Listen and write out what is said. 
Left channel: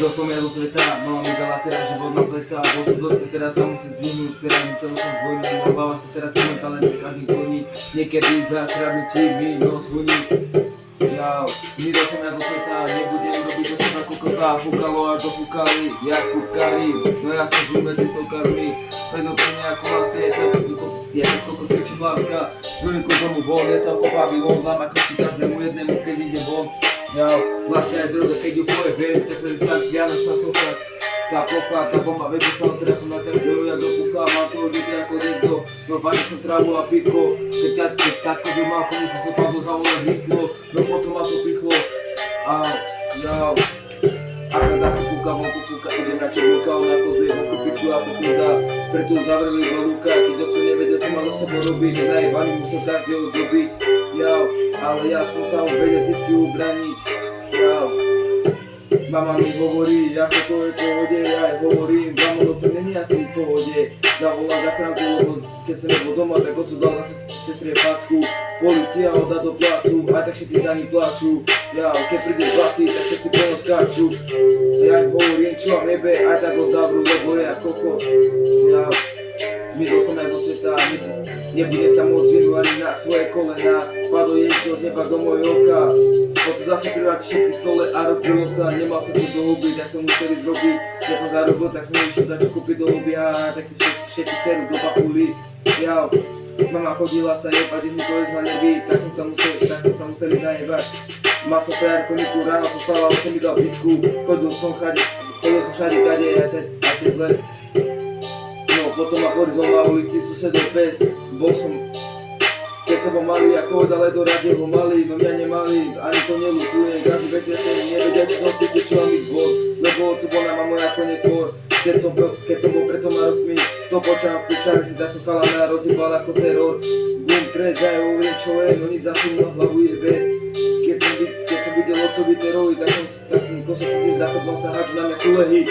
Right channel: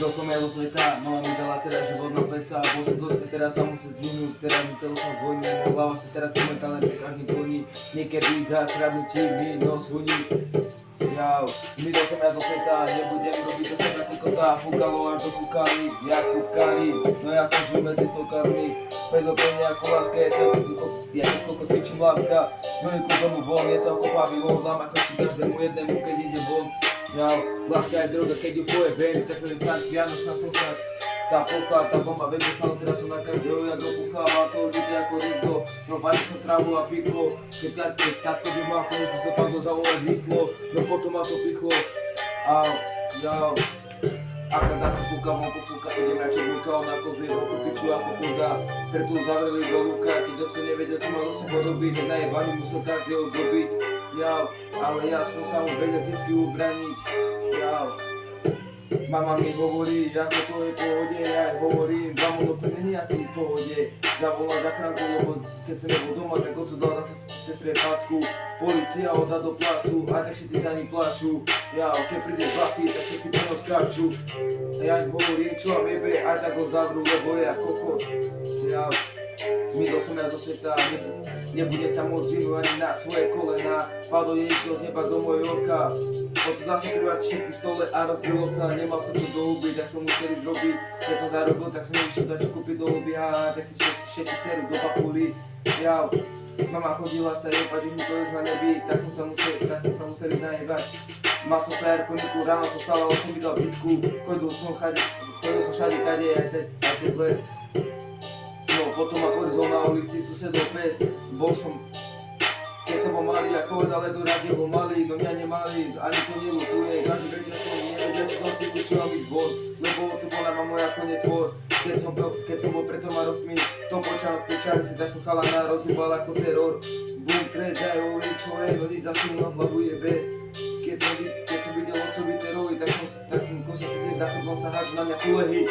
Zmizol som ja zo sveta, mama mi dala teraz život na pleca. Bol som dosť, teraz sa musím zdvihnúť, teraz mi telefón zvoní, no hlava sa teraz momentálne pri každý koní. Niekedy za kradnutí mi nos voní. Zmizol som ja zo sveta, nebudem robiť do seba kokota. Fúkalo až dofúkali, jak kúpkari, no ja som žil medzi stovkármi. Predo to nejako láska, je to kokot kričím láska. Zvoniku domu von, je to kopa vylon, dám ako si každému jednému, keď ide von. Vlastne aj droga, keď ju pojebem, tak sa mi stane vianočná socha. Tá plocha, tá bomba vybuchla, teraz som na každého, jak dopúchla, má to odjete ako niekto. No vážim som trávu a pitko, keď tatko by mal komu si sa pán zavolať rýchlo, no potom ma to pichlo. Aká dá sa kúka, vonku fúka, idem na černíka, on nakozuje vonku piču a pokúda. Preto zavreli do lúka, keď oco nevedel, čo má do sebou robiť, najebaný musel každého dobiť. Ale ja som sa ho vedel vždycky ubraniť. Mama mi hovorí, ako to je v pohode, ja aj hovorím, no to není asi v pohode. Zavolá zachránku, lebo keď som nebol doma, tak oco dal zase sestre facku. Polícia ho dá do placu, aj tak všetci za ní plačú. Keď príde z basy, tak všetci po ňom skáču. Ja im hovorím, čo vám jebe, aj tak ho zavrú, lebo je ja kokot. Zmizol som ja zo sveta, nebudem sa môcť zvinúť ani na svoje kolená. Padlo jedno z neba do mojej oka, potom zase privať všetky stole a rozbil okna. Nemal som tu do huby, tak som musel ísť robiť. Keď som zarobil, tak som nešiel dať čo kúpiť do huby, tak si všetci serú do papuly. Mama chodila sa jebať, mi to ísť na nervy, tak som sa musel ísť najebať. Mal som frajerku Niku, ráno som spal a on mi dal bitku. Chodil som všade kade, aj cez les. Potom ma porizol na ulici, susedol pes. Bol som, keď som bol malý, ako od ale do rade ho mali. No mňa nemali, ani to neľutujem. Každý večer som nevedia, čo som si tečil mi zbor, lebo oco bol na mamu ako netvor. Keď som bol pred 2 rokmi, to počal v pičani si, tak som chalana rozjebal ako teror. Bum, trezajú, čo je, no nič zase mnou hlavu jebe. Keď som videl ocovi terovi, tak som kosok si tiež za chodbom sa hádžu na mňa kulehy.